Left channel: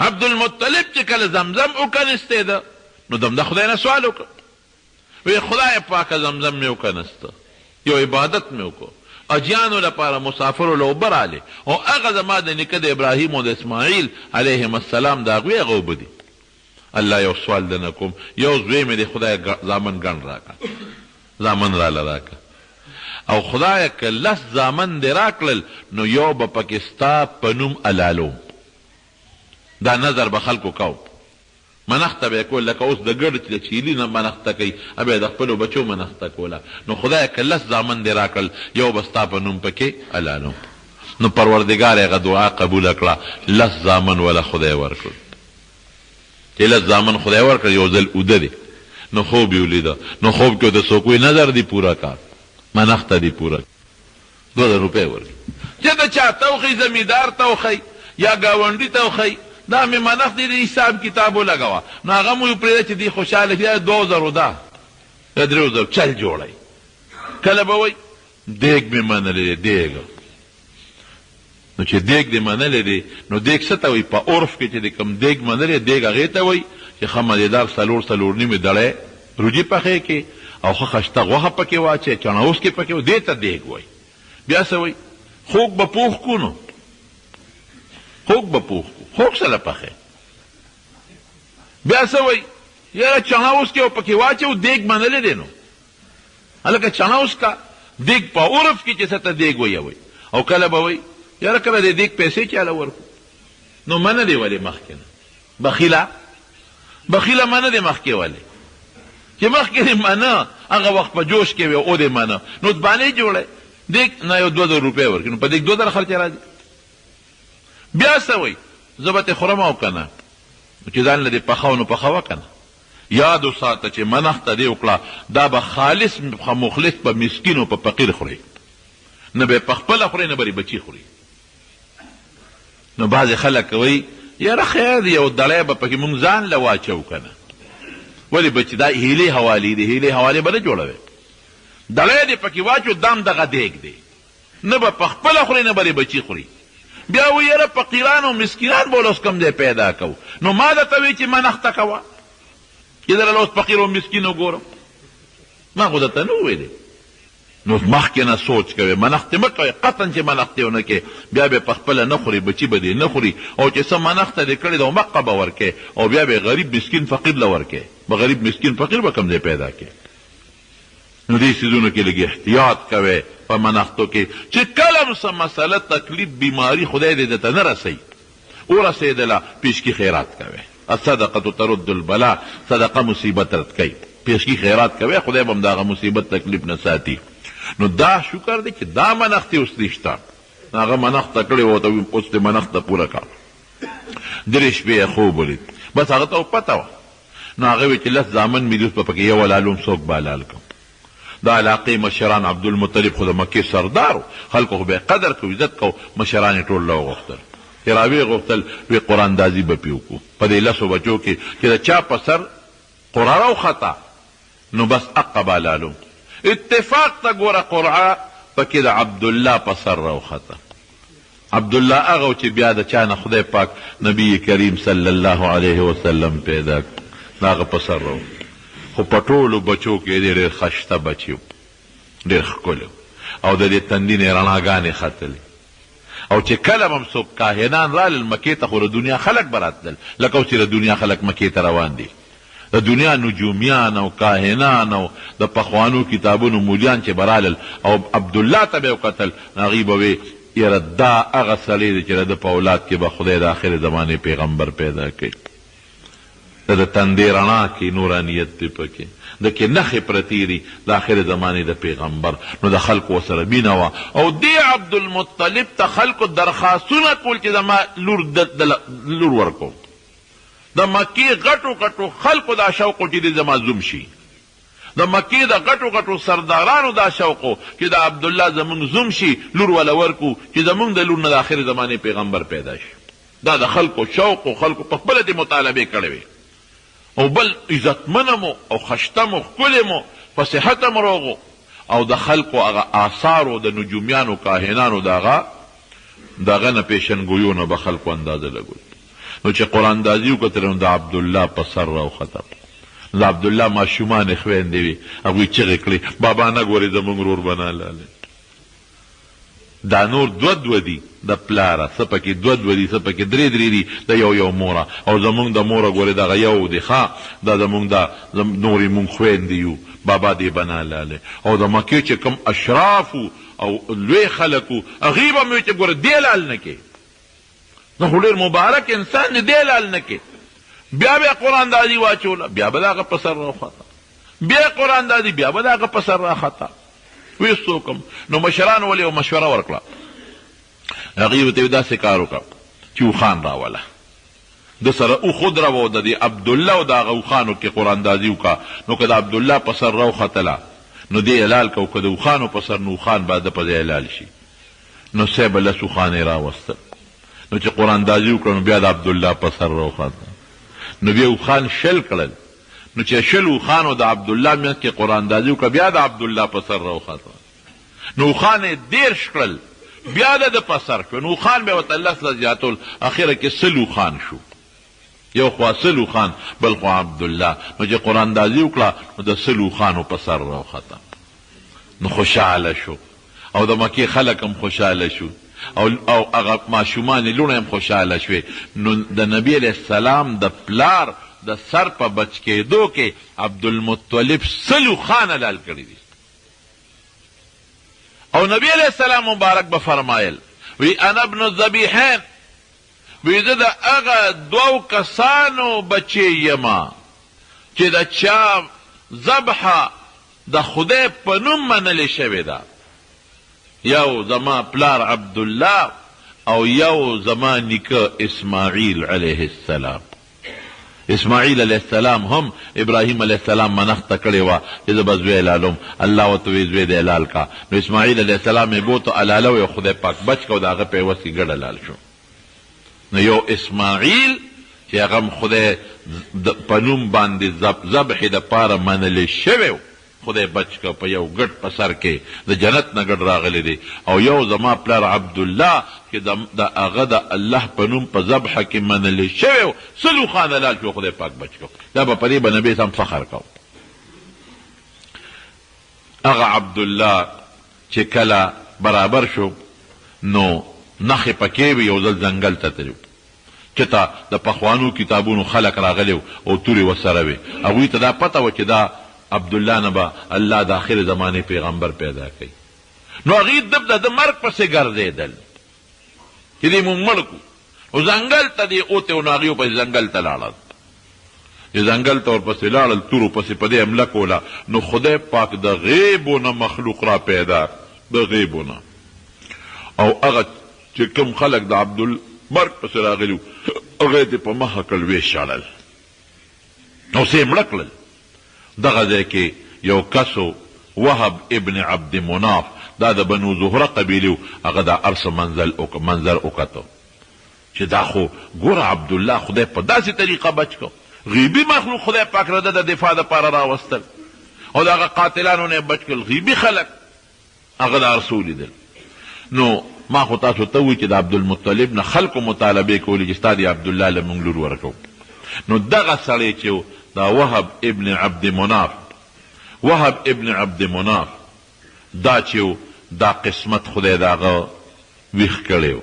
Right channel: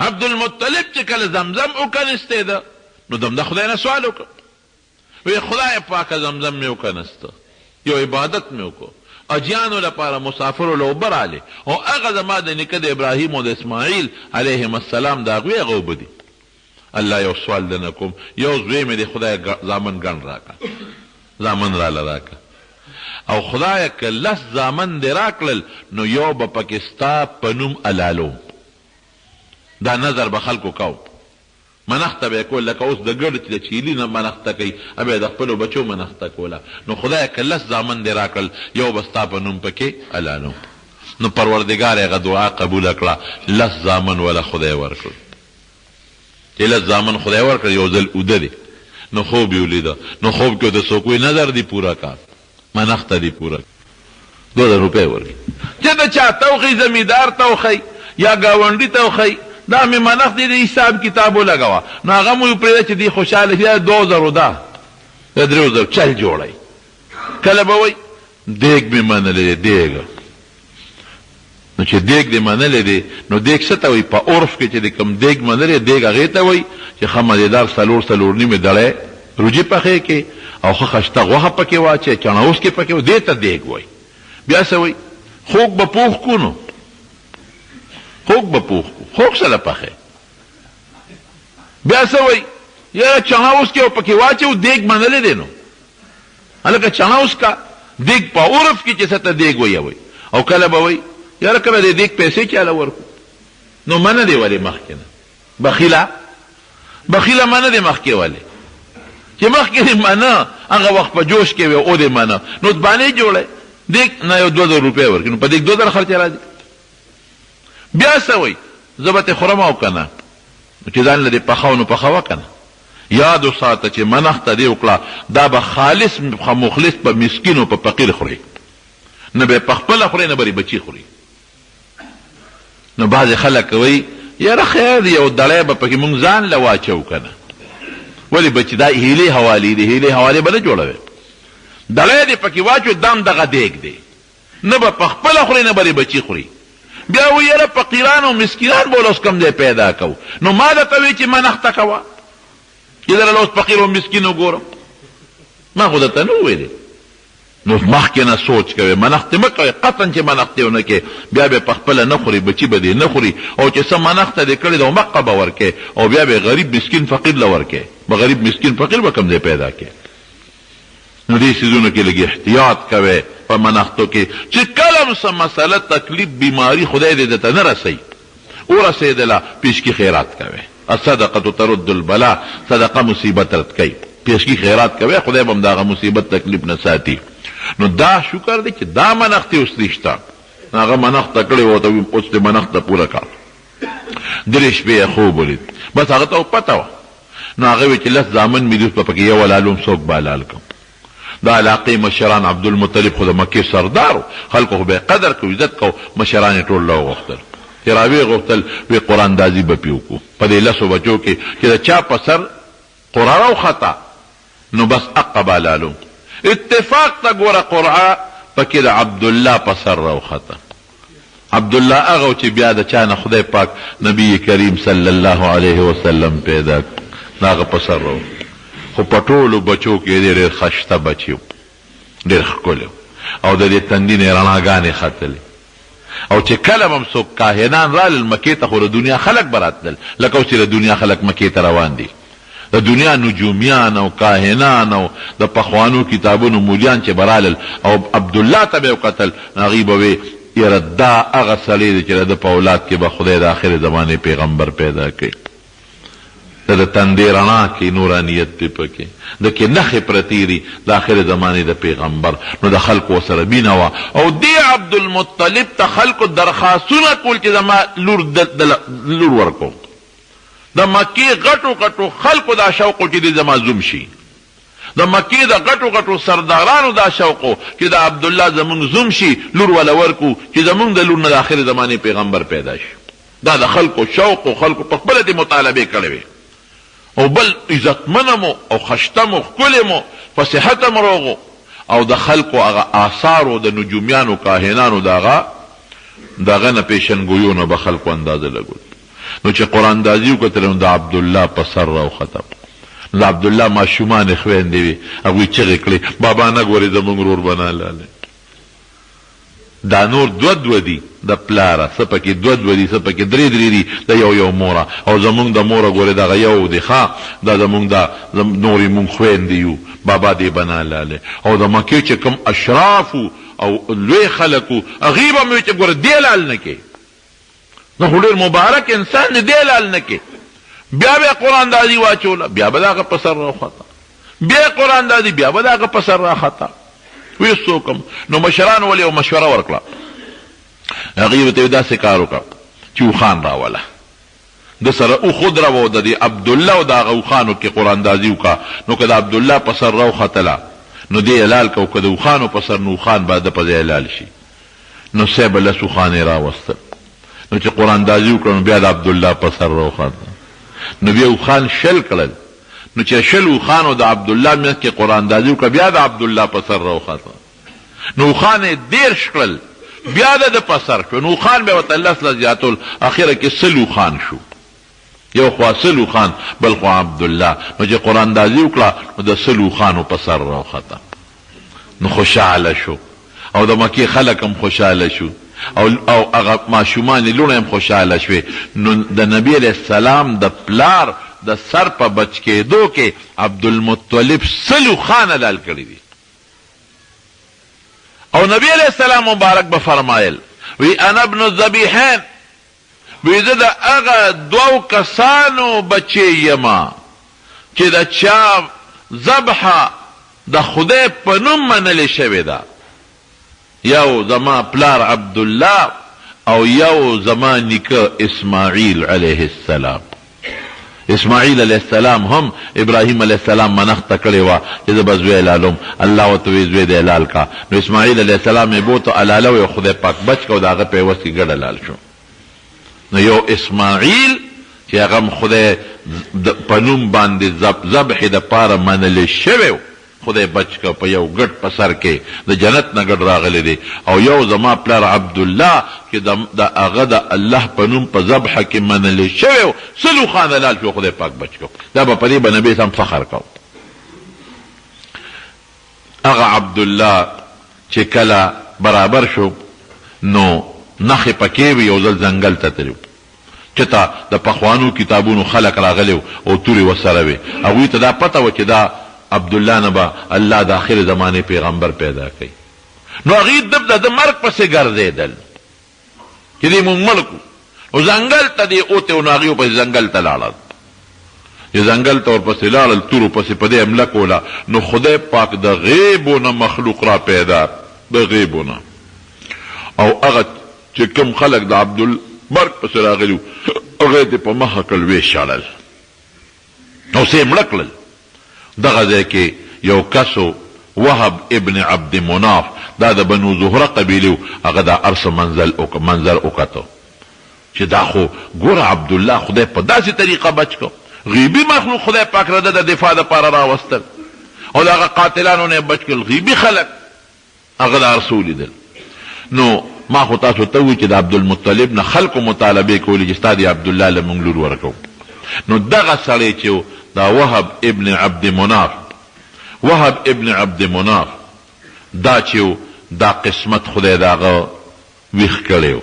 عبدالمطلب چې کله زمزم وکنستی ده نو دم د خدای نه سوال وکړ وی خدای پاکه زمزم مې وکنسته یو عبادت مې وکړو اجیانو لپاره مسافرو له اوبه راغلې او هغه زما د نیکه د ابراهیم او د اسماعیل علیهم السلام د هغوی هغه اوبه دي الله یو سوال درنه کوم یو زوی مې د خدای زامن ګڼ راکړه زامن راله راکړه او خدایه که لس زامن دې راکړل نو یو به پکې ستا په نوم الالوم دا نظر به خلکو کو منخته به یې کول لکه اوس د ګرد د چیلي نه منخته کوي بیا د خپلو بچو منخته کوله نو خدایه که لس زامن دې راکړل یو به ستا په نوم پکې الالوم نو پروردګار هغه دعا قبوله کړه لس زامن وله خدای ورکړل چې لس زامن خدای ورکړه یو ځل اوده دی نو خوب یې ولیده نو خوب کې د څوک وی نظر دی پوره کار منخته دی پوره 2000 روپۍ ورکړي چې د چا توخی زمیندار توخی یا ګاونډي توخی دا مې منخ دی د حساب کتاب ولګوه نو هغه مو پرېږده چې دی خوشحاله شي 2000 ده د 3000 چل جوړی کله به وایي دیګ مې منلی دی دیګ نو چې دیګ دې منلی دی نو دیګ څه ته وایي په عرف کې چې د کوم دیګ منلی دیګ هغې ته وایي چې ښه مزېدار څلور نیمې دړی روجي پخې کې او ښه خشته غوښه پکې واچوې چڼهوس کې پکې دې ته دیګ وایي بیا څه وایي خوږ به پوخ کو نو خوږ به پوخ کو خوږ سره پخې بیا څه وایي یاره چڼهوس کې پکې واچو دیګ منلی دی نو هلکه چڼهوس کا دیګ په عرف کې چې څه ته دیګ وایي او کله به وایي یاره کله دې دیګ پیسې چاله ورکو نو منه دی ولې مخکې نه بخیله منه دی مخکې ولې چې مخکې دې منه هغه وخت په جوش کې وي او دې منه نو بانې جوړی دیګ نه یو 2000 روپۍ ورکړي نو په دیګ 2000 خرچه راځي بیا څه وایي زه به تې خورم او که نه چې ځان له دې پخو نو پخوه که نه یاد وساته چې منخته دې وکړه دا به خالص مخلص په مسکین او په فقیر خوري نه به یې پخپله خوري نه به یې بچي خوري نو بعضې خلک وایي یاره خیر دی یو دړی به پکې مونږ ځان له واچو که نه ولې بچي دا هیلې حوالې دي هیلې حوالې به نه جوړوي دړی دې پکې واچو دم دغه دیګ دی نه به پخپله خوري نه به یې بچي خوري بیا وایي یاره فقیران او مسکینان به اوس کوم ځای پیدا کوو نو ما درته وایي چې منخته کوه چې دله اوس فقیر او مسکین وګورم ما خو درته نه وویلې نو مخکې نه سوچ کوئ منختې مه کوئ قطعا چې منختې ونه کې بیا به پخپله نه خوري بچي به دې نه خوري او چې څه منخته دې کړې ده مقه به ورکې او بیا به غریب مسکین فقیر له ورکې به غریب مسکین فقیر به کوم ځای پیدا کې نو دې څیزونو کې لږ احتیاط کوئ په منختو کې چې کله هم څه مسله تکلیف بیماري خدای دې درته نه رسوي ورسېدله پیشکي خیرات کوئ الصدقه ترد البلا صدقه مصیبت رد کوي پیشکي خیرات کوئ خدای به هم د هغه مصیبت تکلیف نه ساتي نو دا شکر دی چې دا منختې اوس نشته هغه منخته کړې وه ته اوس دې منخته پوره کړه 3 شپې یې خوب ولید بس هغه ته پته وه نو هغه وی چې لس زامن مې دوس به پکې یو الالوم څوک به حلال کړم دا علاقې مشران عبدالمطلب خو د مکې سردار و خلکو خو به یې قدر کو عزت کو مشران یې ټول راوغوښتل چې راویې غوښتل وی قراندازي به پې وکړو په دې لسو بچو کې چې د چا په سر قرعه راوخته نو بس اقه به حلالوم اتفاق تا ګوره قرعه پکې د عبدالله په سر راوخته عبدالله هغه چې بیا د چا نه خدای پاک نبی کریم صلی الله علیه وسلم پیدا کړ هغه په سر راو خو په ټولو بچو کې ډېر خشته بچي ډېر ښکلی او د دې تندي نه یې رڼاګانې ختلې او چې کله به هم څوک کاهنان رالل مکې ته خو د دنیا خلک به راتلل لکه اوس چې د دنیا خلک مکې ته روان دي د دنیا نجومیان او کاهنان او د پخوانو کتابونو مولیان چې برالل او عبدالله ته به یې وکتل هغوی به وی یاره دا هغه سړی دی چې د ده په اولاد کې به خدای د آخر زمانې پیغمبر پیدا کوي د تندې رڼا کې نورانیت دی پکې د کې نښې پرتې دي د آخر زمانې د پیغمبر نو د خلکو ورسره مینه وه او دې عبدالمطلب ته خلکو درخواستونه کول چې زما لور ورکوم د مکې غټو غټو خلکو دا شوق چې د زما زوم شي د مکې د غټو غټو سردارانو دا شوق چې د عبدالله زمونږ زوم شي لور وله ورکو چې زمونږ د لور نه د آخر زمانې پیغمبر پیدا شي دا د خلکو شوق و خلکو په خپله دې مطالبې کړې وې او بل عزتمنه مو او خشته مو ښکلې مو په صحت هم روغ او د خلکو هغه آثارو د نجومیانو کاهنانو د هغه نه پیشنګویو نه به خلکو اندازه لګول نو چې قرآن دازي وکتل نو د عبدالله په سر راوخته. د عبدالله ماشومان خویندې وي، هغوی چغې کړې بابا نه ګورې زمونږ ورور بنا لاله. دا نور دو دي د پلاره، څه پکې دو دي، څه پکې درې دي د یو موره، او زمونږ د موره ګورې دغه یو دی ښه، دا زمونږ د نورې مونږ خویندې یو، بابا دې بنا لاله. او د مکې چې کوم اشرافو او لوی خلکو هغوی به مې وي چې ګوره دې لال نه کې، نو خو ډېر مبارک انسان دی، دې لال نه کې. بیا به قرآن دازي واچوله، بیا به د هغه په سر راوخته، بیا قرآن دازي، بیا به د هغه په سر راخته. وی څوکم نو مشران ولې یو مشوره ورکړه، هغې ورته داسې کار وکړه چې اوښان راوله، د سره اوښ ودروه، د دې عبدالله او د هغه اوښانو کې قرآن دازي وکړه. نو که د عبدالله په سر راوختله نو دې حلال کو، که د اوښانو په سر نو اوښان به د په ځای حلال شي. نو سی به لس اوښان یې راوستل. نو چې قرآن دازي وکړه نو بیا د عبدالله په سر راوخته، نو بیا اوښان شل کړل. نو چې شل اوښانو د عبدالله منځ کې قرآن دازي وکړه، بیا د عبدالله په سر راوخته. نو اوښان یې 13 کړل، بیا د په سر شو. نو اوښان بیا ورته 10 زیاتول، اخره کې 100 اوښان شو. یو خوا 100 اوښان، بل خوا عبدالله. نو چې قرآن دازي وکړه نو د 100 اوښانو په سر راوخته. نو خوشحاله شو، او د مکې خلک هم خوشحاله شو، او هغه ماشومان لوڼه هم خوشحاله شوې. نو د نبی علیه السلام د پلار د سر په بچ کېدو کې عبدالمطلب 100 اوښان حلال کړي دي. او نبی علیه السلام مبارک به فرمایل وی انا ابن الذبیحین، وی زه د هغه 2 کسانو بچی یما چې د چا ذبحه د خدای په نوم منلې شوې ده، یو زما پلار عبدالله او یو زما نیکه اسماعیل علیه السلام. اسماعیل علیه السلام هم ابراهیم علیه السلام منښته کړې وه چې زه به زوی حلالوم، الله ورته وی زوی دې حلال کا. نو اسماعیل علیه السلام یې بوته حلاله وی، خدای پاک بچ که، د هغه په عوض کې ګډ حلال شو. نو یو اسماعیل چې هغه هم خدای په نوم باندې ذبحې دپاره منلی شوی، خدای بچ که، په یو ګډ په سر کې د جنت نه ګډ راغلی دی. او یو زما پلار عبدالله چې د هغه د الله په نوم په ذبحه کې منلی شوی، 100 اوښان حلال شو، خدای پاک بچ کو. دا به په دې به نبي سم فخر کو. هغه عبدالله چې کله برابر شو نو نخې پکې وي، یو ځل ځنګل ته تلو، چې ته د پخوانو کتابونو خلق راغلی او تورې ورسره وي. هغوی ته دا پته وه چې دا عبدالله نه به الله د آخر زمانې پیغمبر پیدا کوي. نو هغوی د مرګ پسې ګرځېدل چې دې مونږ مړ کړو. نو ځنګل ته دې اوتې و، نو هغوی پسې ځنګل ته لاړل، چې ځنګل ته ورپسې لاړل، تورو پسې په دې حمله کوله. نو خدای پاک د غیبو نه مخلوق را پیدا، د غیبو نه. او هغه چې کوم خلک د عبدالمرګ پسې راغلي وو، هغه دې په مخه کړل، ویې شړل او سې مړه کړل. دغه ځای کې یو کسو وهب ابن عبد مناف، دا د بنو زهره قبیله، هغه دا ارس منظر وکتو چې دا خو ګوره عبدالله خدای په داسې طریقه بچ کو، غیبی مخلوق خدای پاک رده د دفاع دپاره راوستل، او د هغه قاتلانو نه بچ کړل، غیبی خلک هغه دا ارس ولیدل. نو ما خو تاسو ته وی چې د عبدالمطلب نه خلکو مطالبې کولې چې ستا د عبدالله له مونږ لور ورکو. نو دغه سړی چې دا وهب ابن عبد مناف، وهب ابن عبد مناف دا چې دا قسمت خدای د هغه ویښ کړی و.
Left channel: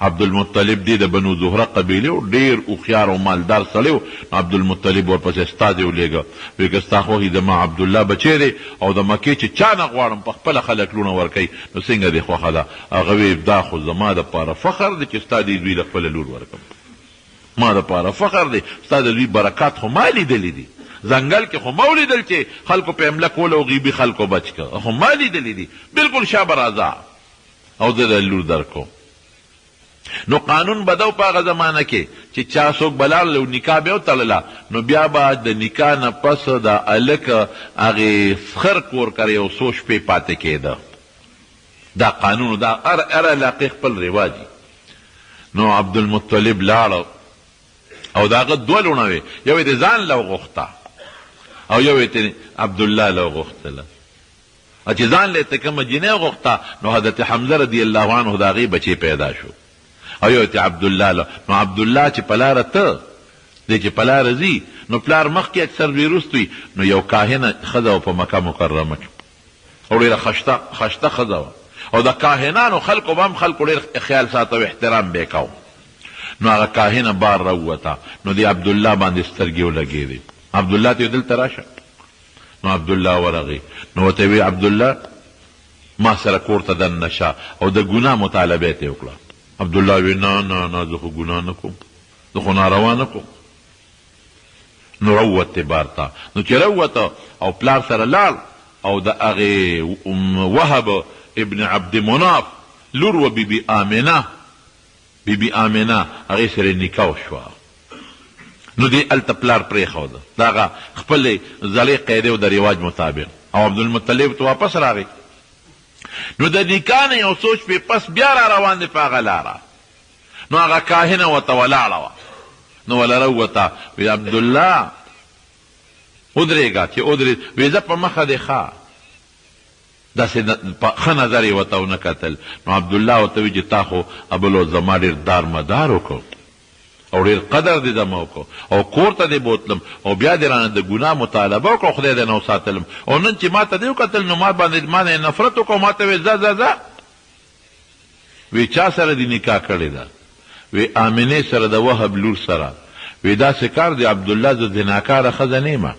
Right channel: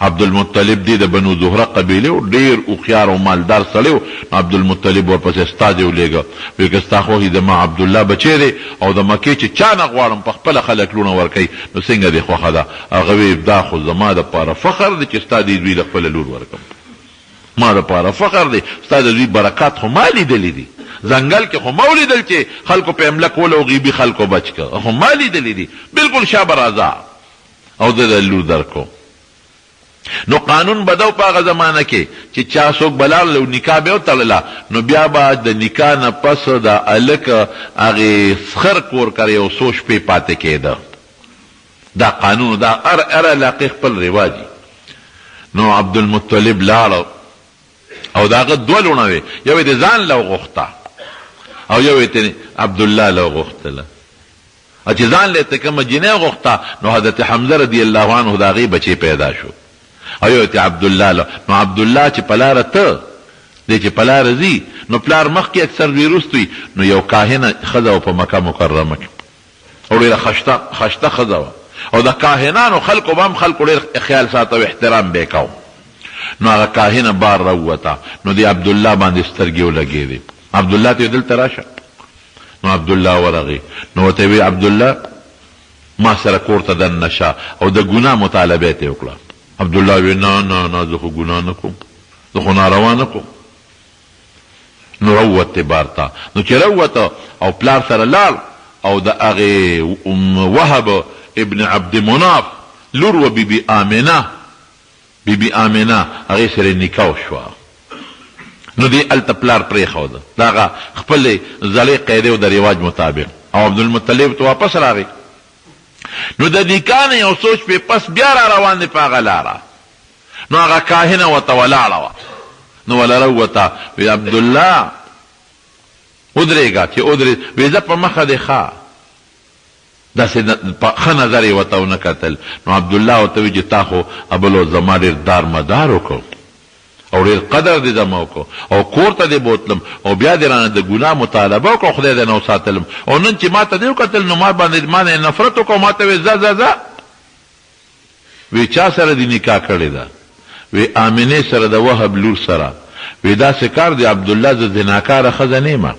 عبدالمطلب دی د بنو زهره قبیله و، ډېر هوښیار او مالدار سړی و. عبدالمطلب ورپسې استازی ولیږه، ویل که ستا خوښ د ما عبدالله بچی دی او د مکې چې چا نه غواړم په خپله خلک لوڼه ورکوي، نو څنګه دې خوښه ده؟ هغه وی دا خو زما دپاره فخر دی چې ستا دې دوی له خپله لور ورکړم، ما دپاره فخر دی، ستا د دوی برکات خو ما لیدلی دي، ځنګل کې خو ما ولیدل چې خلکو په حمله کوله او غیبي خلکو بچ که، خو ما لیدلی دي، بلکل شابه راځه او زه د لور درکو. نو قانون بدو په هغه زمانه کې چې چا څوک بلاړل او نکاح به وتړله، نو بیا به د نکاح نه پس د هلک هغې سخر کور کړی او څو شپې پاتې کېده. دا قانون، دا هر علاقې خپل رواجي. نو عبدالمطلب لاړه او د هغه 2 لوڼه وې، یو یې د ځان له وغوښته او یو یې عبدالله له وغوښتله. چې ځان له ته کومه جنۍ وغوښته، نو حضرت حمزه رضی الله عنه د هغې بچی پیدا شو. او یو ته عبدالله له. نو عبدالله چې په لاره ته دی چې په لاره ځي نو پلار مخکې اکثر دوی وروسته وي. نو یو کاهنه ښځه وه په مکه مکرمه کې او ډېره خشته ښځه وه او د کاهنانو خلکو به هم خلکو ډېر خیال ساته او احترام به یې کوو. نو هغه کاهنه بار راووته نو د عبدالله باندې سترګې ولګېدې. عبدالله ته یې دلته راشه. نو عبدالله ورغی نو ورته وی عبدالله ما سره کور ته دننه شه او د ګناه مطالبه یې ته وکړه. عبدالله وی نه نه نه زه خو ګناه نه کوم، زه خو ناروا نه کوم. نو روت بار ته. نو چې روته او پلار سره لاړ او د هغې وهب ابن عبد مناف لور و بیبي آمنه هغې سره نکاح شوه. نو دی هلته پلار پرېښوده د هغه خپلې زړې قاعدې او د رواج مطابق او عبدالمطلب ته واپس راغی. نو د نکاح نه یو څو شپې پس بیا را روان دی په هغه لاره. نو هغه کاهنه ورته ولاړه وه. نو وله راووته وی عبدالله ودرېږه چې ودرېد. وی زه په مخه دی ښه داسې ښه نظر یې ورته ونه کتل. نو عبدالله ورته وی چې تا خو ابلو زما ډېر دار مدار وکړ او ډېر قدر دې زما وکړو او کور ته دې بوتلم او بیا دې رانه د ګناه مطالبه وکړو خدای دې نه وساتلم او نن چې ما ته دې وکتل نو ما باندې ما نه نفرت وکړو ما ته وی ځه. وی چا سره دې نکاح کړې ده؟ وی آمنې سره د وهب لور سره. وی داسې کار دی عبدالله زه زناکاره ښځه نه یم.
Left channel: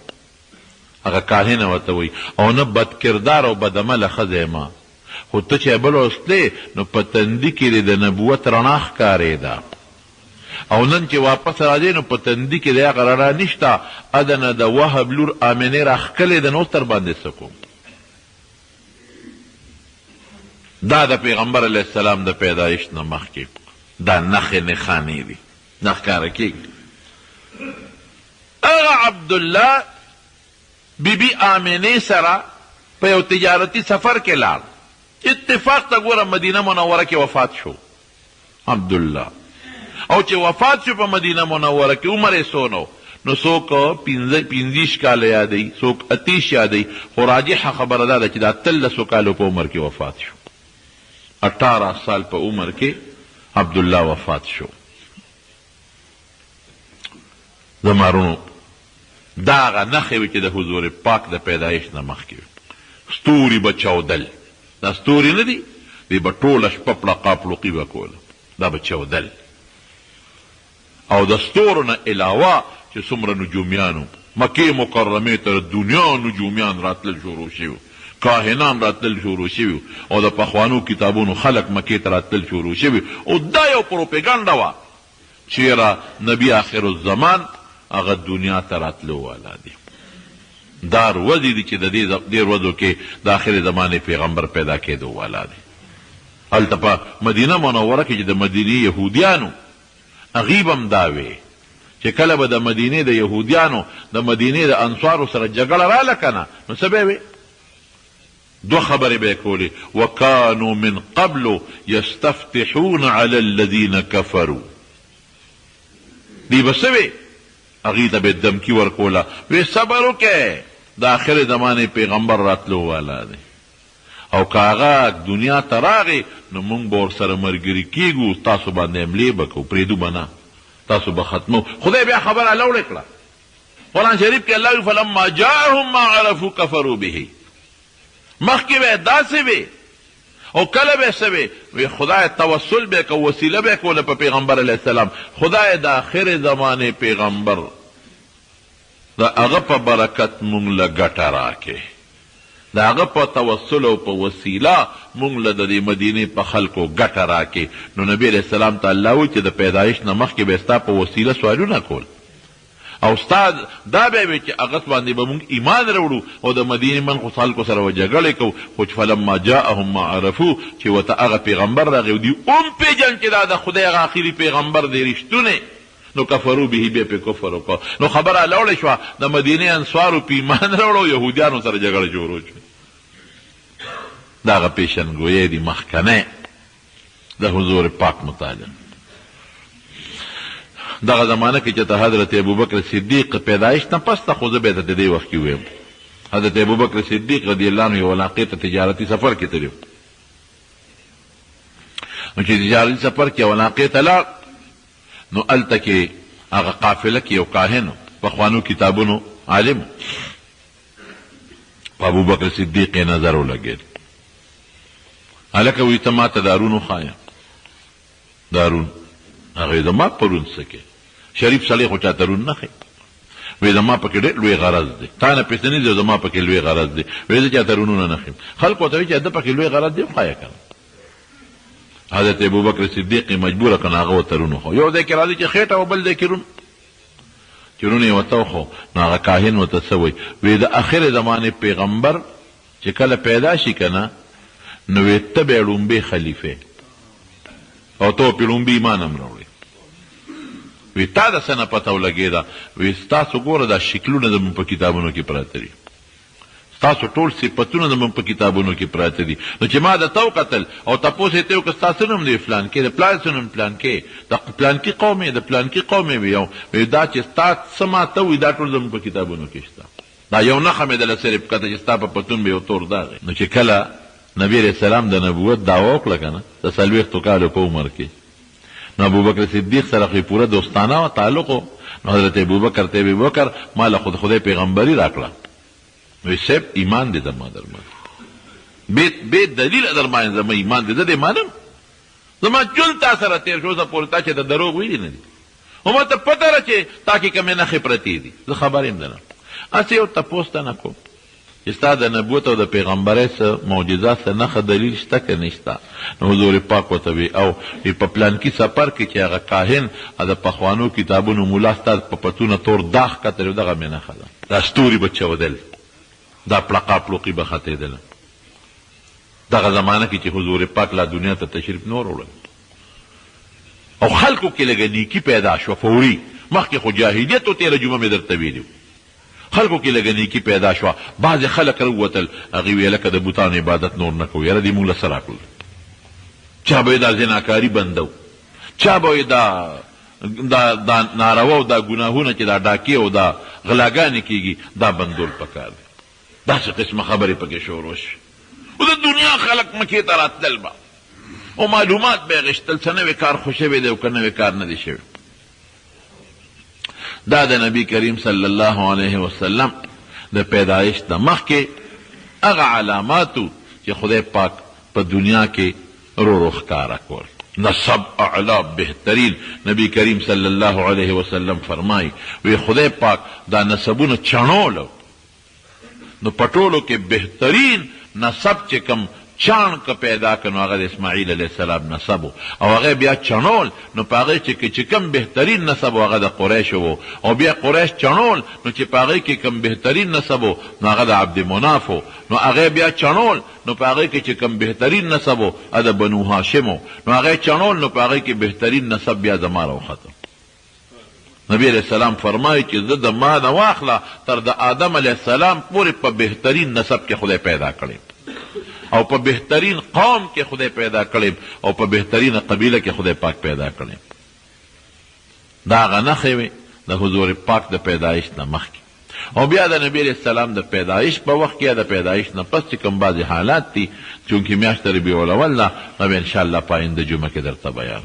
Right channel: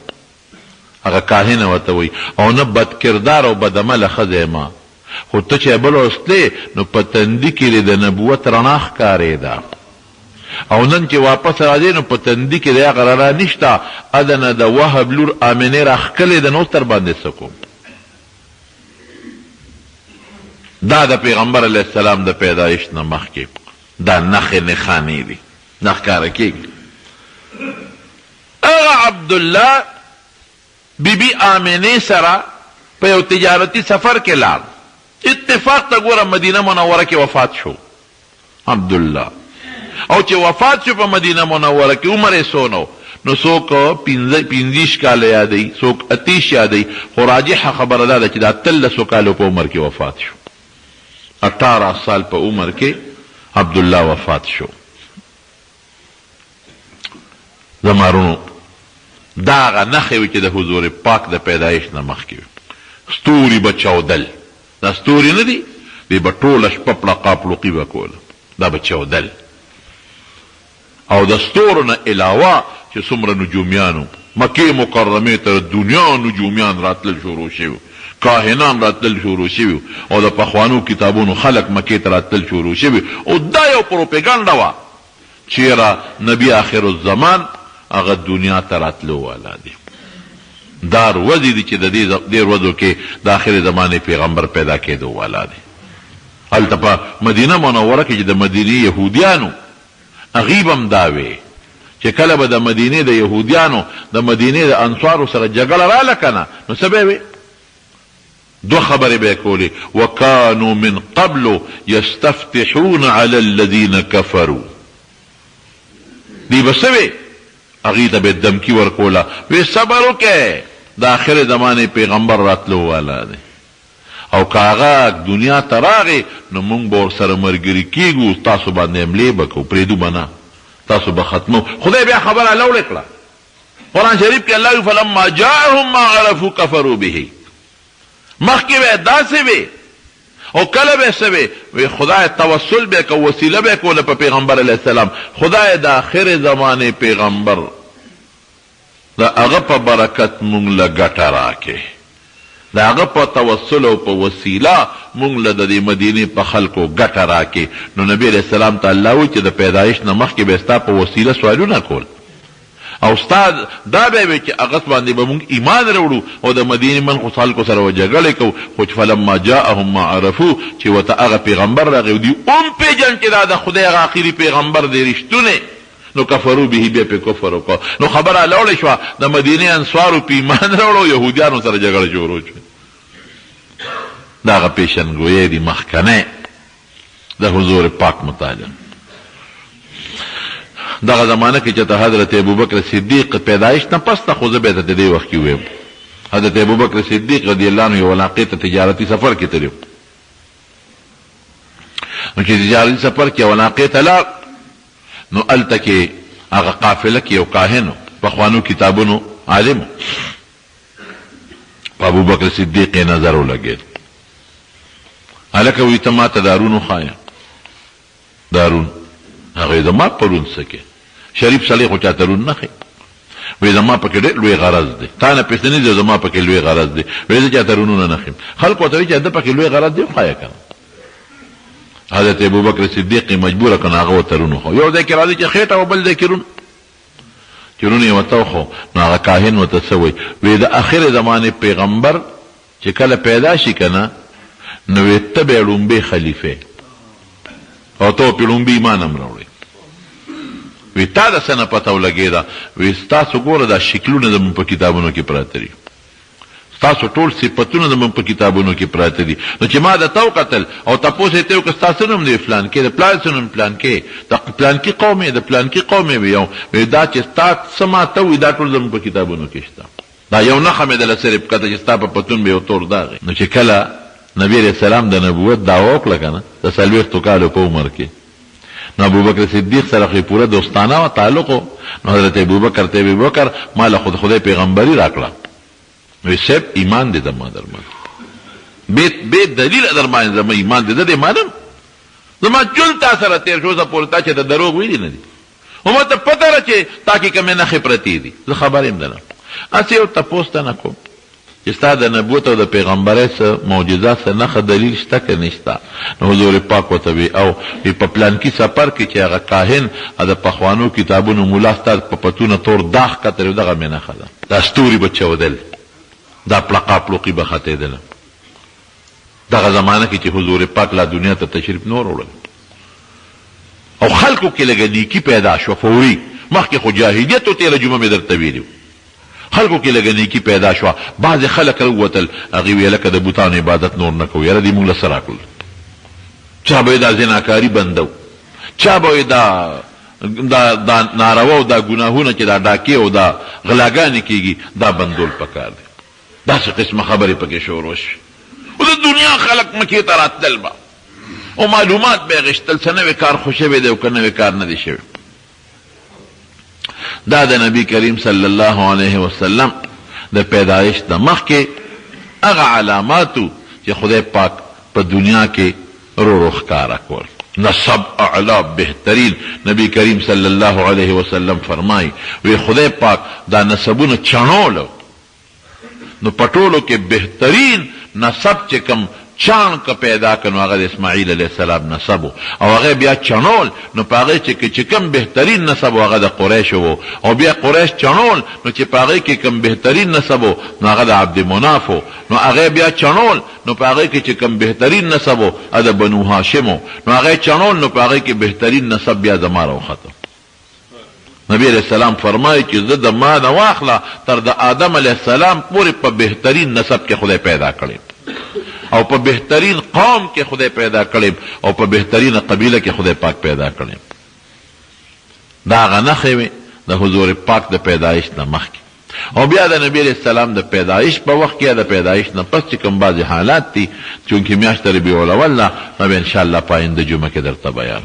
هغه کاهنه ورته وی او نه بدکردار او بدعمله ښځه یم خو ته چې بل وسلې نو په تندي کې د نبوت رڼا ښکارېده او نن چې واپس راځې نو په تندي کې د هغه رڼا نشته. ادنه د وهب لور آمنې راښکلې ده نو تر باندې څه کوم. دا د پیغمبر علیه السلام د پیدایش نه مخکې دا نښې نښانې دي نه ښکاره کېږي. هغه عبدالله بیبي آمنې سره په یو تجارتي سفر کې لاړ. اتفاق ته ګوره مدینه منوره کې وفات شو عبدالله او چې وفات شو په مدینه منوره کې عمر یې څونه نو څوک 15 کاله یادوي څوک 30 یادوي خو راجحه خبره دا ده چې د 13 کالو په عمر کې وفات شو. 18 سال په عمر کې عبدالله وفات شو. زمارونو دا هغه نښې وې چې د حضور پاک د پیدایش نه مخکې وي. ستوري به چاودل، دا ستوري نه دي دوی به ټوله شپه پړقا پړوقي به کوله، دا به چاودل. او د ستورو نه علاوه چې څومره نجومیانو مکې مکرمې ته دنیا نجومیان راتلل شروع شوي، کاهنان راتلل شروع شوي او د پخوانو کتابونو خلق مکې ته راتلل شروع شوي او دا یو پروپیګنډه وه چیرې نبی آخر الزمان هغه دنیا ته راتلو والا دی. دا ورځې دي چې د دې ورځو کې د آخر زمانې پیغمبر پیدا کېدو والا دی. هلته په مدینه منوره کې چې د مدینې یهودیانو هغې به هم دا وې چې کله به د مدینې د یهودیانو د مدینې د انصارو سره جګړه راله که نه نو څه به یې وې؟ دو خبرې به یې کولې وکانو من قبل یستفتحون علی الذین کفروا. دی به څه وې؟ هغې ته به دمکي ورکوله وی صبر وکئ د آخر زمانې پیغمبر راتلو والا دی او که هغه دنیا ته راغی نو موږ به ورسره ملګري کېږو تاسو باندې حملې به کوو پرېږدو به نه تاسو به ختمو. خدای بیا خبره لوړې کړه. قرآن شریف کې الله وی فلما جاءهم ما عرفوا کفروا به. مخکې به داسې وې او کله به څه وې وی خدای توسل به کو وسیله به کوله په پیغمبر علیه السلام. خدای د آخر زمانې پیغمبر د هغه په برکت مونږ له ګټه راکې، د هغه په توسل او په وسیله مونږ له د دې مدینې په خلکو ګټه راکې. نو نبی علیه السلام ته الله وی چې د پیدایش نه مخکې به ستا په وسیله سوالونه کول او ستا دا به وي چې هغه باندې به مونږ ایمان راوړو او د مدینې من خو خلکو سره به جګړې کوو. خو چې فلما جاءهم ما عرفو چې ورته هغه پیغمبر راغی او دوی پېژن چې دا د خدای هغه آخري پیغمبر دی رښتونی نو کفرو به بیا پې کفر وکړه. نو خبره لوړې شوه د مدینې انصارو په ایمان راوړو یهودیانو سره جګړه شروع شوه. د هغه پیشنګویۍ دي مخکنی د حضور پاک متعالی. دغه زمانه کې چې ته حضرت ابوبکر صدیق پیدایش نه پس ته خو زه به ته د دې وخت کې ویم حضرت ابوبکر صدیق رضی الله عنه یو علاقې ته تجارتي سفر کې تللی نو چې تجارتي سفر کې علاقې ته لاړ نو هلته کې هغه قافله کې یو کاهن پخوانو کتابونو عالم په ابوبکر صدیق یې نظر ولګېد هلکه وایي ته ما ته دارون وښایه دارون هغه یې زما پرون څه کې شریف سړی خو چاته رون نه ښي وایي زما پکې ډېر لوی غرض دی تا نه پېښته نه دی زما پکې لوی غرض دی وایي زه چاته رونونه نه ښیم خلکو ورته وایي چې ده پکې لوی غرض دی وښایه که نه حضرت ابوبکر صدیق مجبوره که نو هغه ورته رون وښو یو ځای کې راځي چې خېټه او بل ځای کې رون چې رون یې ورته وښو نو هغه کاهن ورته څه وایي وایي د اخر زمانې پیغمبر چې کله پیدا شي که نه نو وایي ته به یې لومبی خلیفه او ته پې لومبي ایمان هم راوړې وی تا د څه نه پته ولګېده وی ستاسو ګوره دا شکلونه زموږ په کتابونو کې پراته دي ستاسو ټول صفتونه زموږ په کتابونو کې پراته دي نو چې ما درته وکتل او تپوس یې ته وکړه ستا څه نوم دی فلانکې د پلار څه نوم پلانکې د پلانکي قوم یې د پلانکي قوم یې وي وی دا چې ستا څه ماته وي دا ټول زموږ په کتابونو کې شته دا یو نښه مې دله صرف کته چې ستا په پتون به یو تور داغ نو چې کله نبی علیه السلام د نبوت دعوه وکړه که نه د 40 کالو په عمر کې نو ابوبکر صدیق سره خو پوره دوستانه و تعلق و نو حضرت ابوبکر ته ابوبکر ما له خدای پیغمبري راکړه وی صاحب ایمان دې زما درمان بې دلیل درمان زما ایمان دې دې مانم زما ژوند تا سره تېر شو زه پورې تا چې د دروغ ویلي نه دي خو ما ته پته ده چې تا کې کومې نښې پرتې دي زه خبر یم دنه هسې یو تپوس ته نه کوم چې ستا د نبوت او د پیغمبرۍ څه معجزه څه نښه دلیل شته که نشته نو حضور پاک ورته وي او په پلانکي سفر کې چې هغه کاهن د پخوانو کتابونو ملا ستا په پتونه تور داغ کتل دغه مې نښه ده دا ستوري به چودل دا پلقا پلوقي به ختېدله دغه زمانه کې چې حضور پاک لا دنیا ته تشریف نور وړل او خلکو کې لږه نیکي پیدا شوه فوري مخکې خو جاهلیت و تېره جمعه مې درته ویلي خلکو کې لږه نیکي پیدا شوه بعضې خلک راووتل هغې ویې لکه د بوتانو عبادت نور نه کوو یاره دې موږ له څه راکړل چا به یې دا زناکاري بندو چا به یې دا ناروا او دا ګناهونه چې دا ډاکې او دا غلاګانې کېږي دا بندول پکار دی داسې قسمه خبرې پکې شروع شي او د دنیا خلک مکې ته راتلل به او معلومات به یې غشتل څه نوی کار خو شوی دی او که نوی کار نه دی شوی دا د نبی کریم صلی الله علیه وسلم د پیدایش د مخکې هغه علاماتو چې خدای پاک په دنیا کې رو ښکاره کول نسب اعلا بهترین نبی کریم صلی الله علیه وسلم فرمایي وی خدای پاک دا نسبونه چڼولو نو پټولو کې بهترین نسب چې کم چان که پیدا کنو هغه د اسماعیل علیه السلام نسب او هغه بیا چڼول نو په هغې چې کم بهترین نسب هغه د قریشو و او بیا قریش چڼول نو چې په هغې کې کم بهترین نسب نو هغه د عبدمناف و نو هغه بیا چڼول نو په هغې کې چې کم بهترین نسب هغه د بنو هاشم و نو هغه چڼول نو په هغې کې بهترین نسب بیا زما راوخته نبی علیہ السلام فرمایي چې زه د ما نه واخله تر د آدم علیه السلام پورې په بهترین نسب کې خدای پیدا کړی او په بهترین قوم کې خدای پیدا کړی او په بهترین قبیله کې خدای پاک پیدا کړی دا هغه نښې وې د حضور پاک د پیدایش نه مخکې او بیا د نبی علیه السلام د پیدایش په وخت کې یا د پیدایش نه پس چې کوم بعضې حالات دي چونکې میاشت ربیع الاول ده نو بیا انشاءالله په آینده جمعه کې درته بیان